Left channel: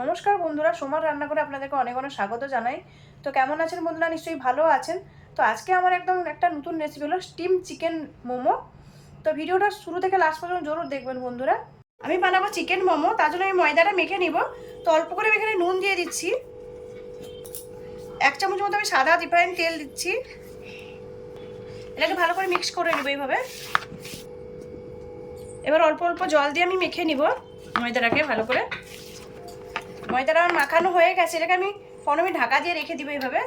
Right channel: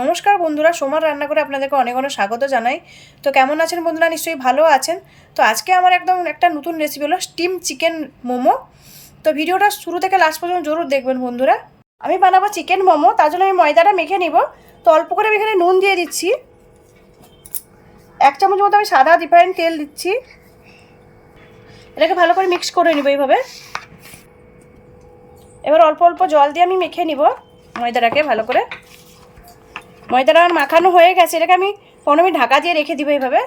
নমস্কার বন্ধুরা, সোমার রান্না করে আপনাদেরকে অনেক অনেক স্বাগত জানাই। তো কেমন আছেন বন্ধুরা? নিশ্চয়ই ভালো আছেন। তো আজকে আমার একদম একটা নতুন রেসিপি হলো স্টিম চিকেন মোমো। তো ভিডিওটা শুরু থেকে লাস্ট পর্যন্ত জরুর দেখবেন বন্ধুরা। আমি বানাবো চিকেন মোমো, তার জন্য আমি ময়দাটা মেখে নিব। তো অল্প করে এখানে নুন দিয়ে দিচ্ছি, 1 চামচ মতো আমি সাদা রিফাইন্ড তেল দিচ্ছি। এটাকে ভালো করে মিক্স করে নিব এইভাবে। এবার অল্প অল্প জল দিয়ে আমি মেখে নিব ময়দাটাকে ভালো করে। ময়দাটা আমার মাখানো হয়ে গেছে, এটাকে আমি 15 মিনিট ঢাকা দিয়ে রেখে দিব এইভাবে।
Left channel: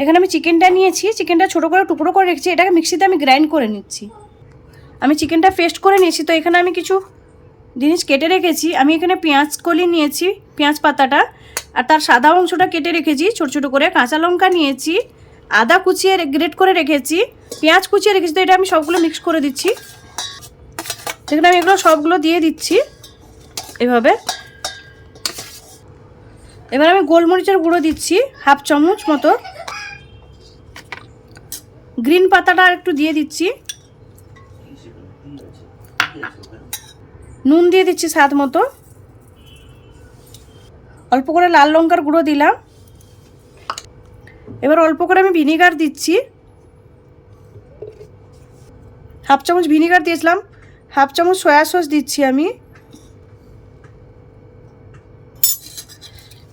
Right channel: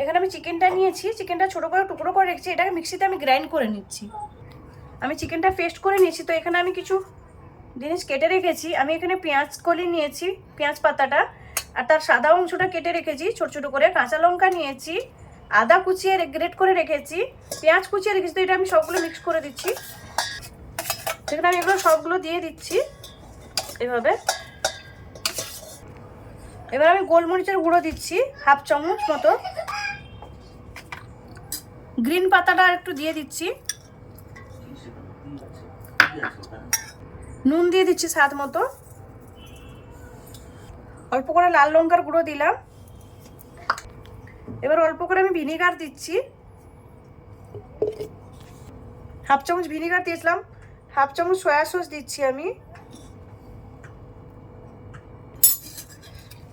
এখানে আমি চিকেনটা নিয়েছি, চিকেনটা ছোটো করে টুকরো করে রেখেছি, এটাকে মিক্সিতে আমি গ্রাইন্ড করে নিচ্ছি। আমি চিকেনটা পেস্ট করে নিয়েছি। তো এখানে আমি কিছু জিনিস কেটে রেখেছি। আমি এখানে পেঁয়াজ কলি নিয়েছি, পেঁয়াজ পাতাটা, আর তার সাদা অংশটা কেটে রেখেছি ছোটো ছোটো করে। কাঁচা লঙ্কা নিয়েছি, আদা কুচিয়ে গ্রেট করে রেখেছি, পেঁয়াজ কুচিয়ে রেখেছি। তো এটা আমি সবগুলো মিক্স করে দিচ্ছি। সেখানে আমি এগুলো সবগুলো দিয়ে দিচ্ছি এভাবে। এবার আমি গোলমরিচের গুঁড়ো দিচ্ছি 1/2 চামচ মতো, গ্রিন পাতাটা একটু দিয়ে দিচ্ছি, নুন দিয়ে দিচ্ছি স্বাদ মতো, অল্প করে লাল লঙ্কার গুঁড়ো দিলাম। এবার অল্প করে আমি ভিনিগার দিচ্ছি, 1/2 চামচ ভিনিগার দিয়েছিলাম, 1/2 চামচ সয়া সস দিচ্ছি আমি।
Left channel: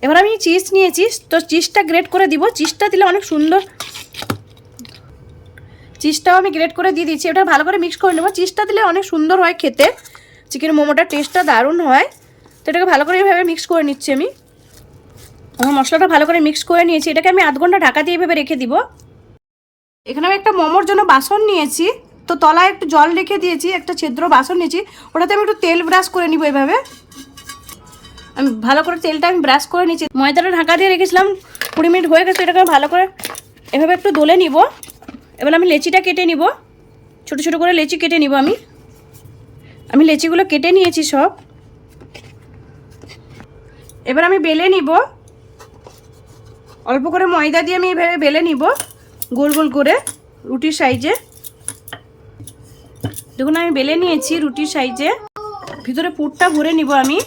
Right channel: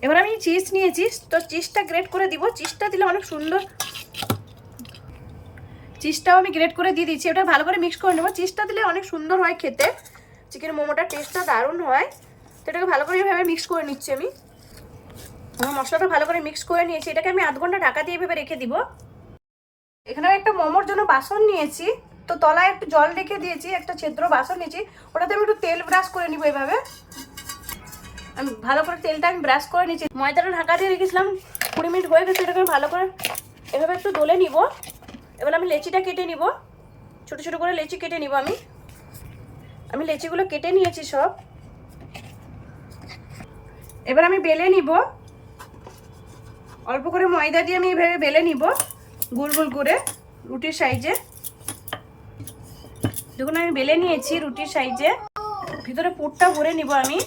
এবার আমি চিজ নিয়েছি, তো চিজটা গ্রেট করে দিব। চিজটা দিলে অনেক সুন্দর, চিজটাও আমি গ্রেট করে দিয়ে দিচ্ছি। এটা ভালো করে মিক্স করে নেবো। চিজটা দিলে অনেক সুন্দর হয় খেতে, চিকেন মোমোটার টেস্টটা দারুণ হয়। তো এটাকে ভালো করে এভাবে মিক্স করে নিচ্ছি আমি। আমার মশলাটা ভালো করে মিক্স করে নিয়েছি, এটাকে আমি 1/2 ঘন্টা ঢাকা দিয়ে এভাবে রেখে দিব। এখানে আমি একটা মোমোর জন্য বাসন নিয়েছি, তো তলায় একটু জল রেখে দিয়েছি, একটা ছিদ্র বাসন নিয়েছি, ওটাতে আমি একটু তেল ব্রাশ করে নিব এইভাবে। আমি ভালো করে তেলটা আমি ব্রাশ করে নিচ্ছি। ময়দাটা ঢাকা দিয়ে রেখেছিলাম, 20 মিনিট হয়ে গেছে। এটাকে ভালো করে এভাবে একটু দলে নিব। এবার আমি লেচিটা কেটে নিব, ছোটো ছোটো করে লেচি কেটে নিব। আমি লেচিগুলো কেটে নিয়েছি সব। এবার আমি বেলে নিব, অল্প করে ময়দা দিয়ে আমি এইভাবে বেলে নিব গোল গোল করে রুটির সাইজে। দেখুন আমি বেলে নিয়েছি রুটির সাইজে। ভিতরে পুরটা ভরে নিব আমি।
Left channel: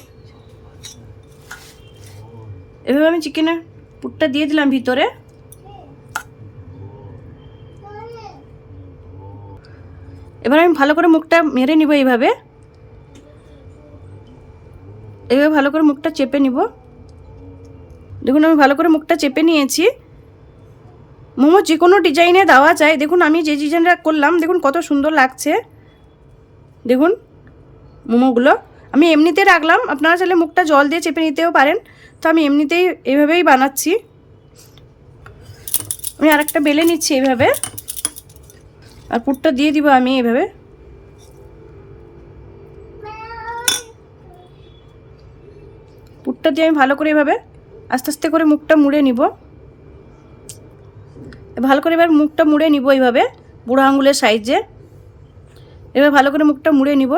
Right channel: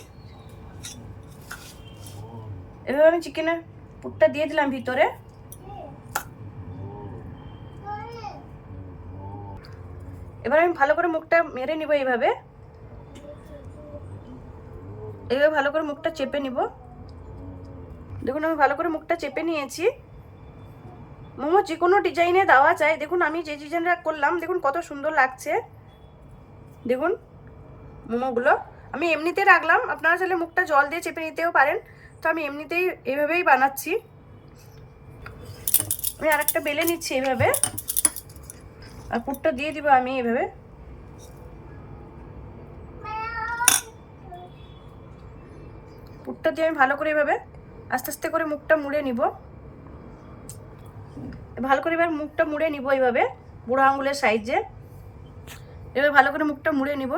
এভাবে আমি চিকেনের পুরটা দিয়ে দিলাম ভিতরে। এবার আমি ভালো করে মুখটা মেরে নিব এইভাবে। এভাবে ভালো করে মুখটা চেপে নিব। দেখুন আমি ভালো করে মুখটা চেপে নিয়েছি। মোমো যে কোনো ডিজাইনে দেওয়া যায়। দেখুন আমি যে ডিজাইনটা করলাম, দেখুন কত সুন্দর লাগছে। দেখুন মোমোগুলো আমি এমনিতে রাখলাম, আপনারা চাইলে মুখটা জল দিয়ে চেপে নিতেও পারেন। তো আমি এমনিতেই এভাবেই বানাচ্ছি। আমি আরেকটা বেলে নিচ্ছি এইভাবে, আর পুরটা দিয়ে দিব আমি এইভাবে। পুরটা দিয়ে আমি ভালো করে এভাবে আস্তে আস্তে করে মুখটা মুড়ে নিব। ভালো করে এবার মুখটা মুড়ে নিব এইভাবে বুড়ো আঙুলের সাইজে। এবার ভালো করে মুখটা মুড়ে নিব।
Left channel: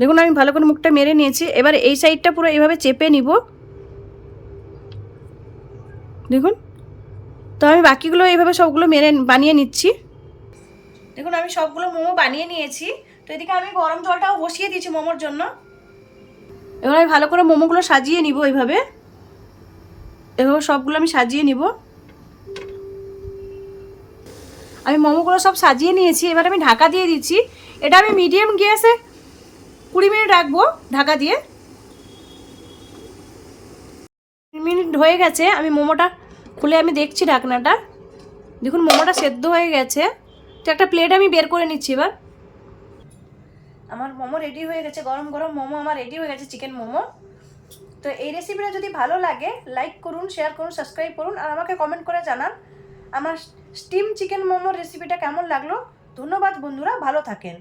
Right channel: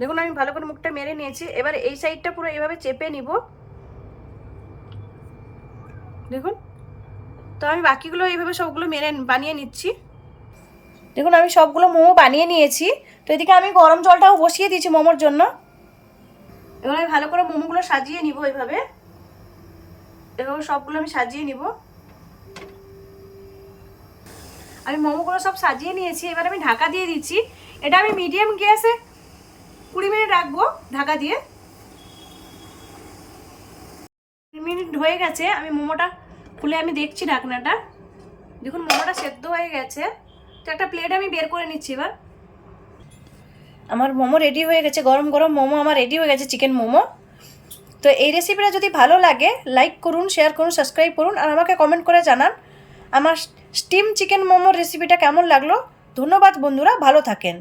দেখুন আমি ভালো করে মুখটা মেরে নিয়েছি। এবার এই সাইডটা পুরো এইভাবে চেপে নিব। দেখুন, তো আমি বাকিগুলো এইভাবে সবগুলো বানিয়ে নিচ্ছি। দেখুন আমি সবগুলো মোমো বানিয়ে নিয়েছি। তো এদিকে আমি গরম জলটাও বসিয়ে দিয়েছি মোমোর জন্য। এবার আমি ভালো করে মোমোগুলো সাজিয়ে নিব এইভাবে। এভাবে সবগুলো আমি সাজিয়ে নিব। আমি মোমোগুলো সব সাজিয়ে নিয়েছি। এবার আমি ঢাকা দিয়ে দিচ্ছি। এটা আমি মিডিয়াম গ্যাসে 20 মিনিট রাখবো ঢাকা দিয়ে। 20 মিনিট হয়ে গেছে। আমি মোমোটা খুলে আমি দেখছি ঢাকনাটা। দেখুন মোমোটা সেদ্ধ হয়ে গেছে। তো একটা প্লেট আমি বের করে নিচ্ছি। এবার আমার মোমো রেডি হয়ে গেছে, গরম গরম মোমো আমার রেডি হয়ে গেছে, চিকেন মোমো। তো এই রেসিপিটা যদি ভালো লাগে লাইক করুন, শেয়ার করুন, সাবস্ক্রাইব করুন, আর আমাকে কমেন্ট করে জানান আমার স্টিম চিকেন মোমোর রেসিপিটা কেমন লাগলো। ধন্যবাদ বন্ধুরা, ভালো থাকেন।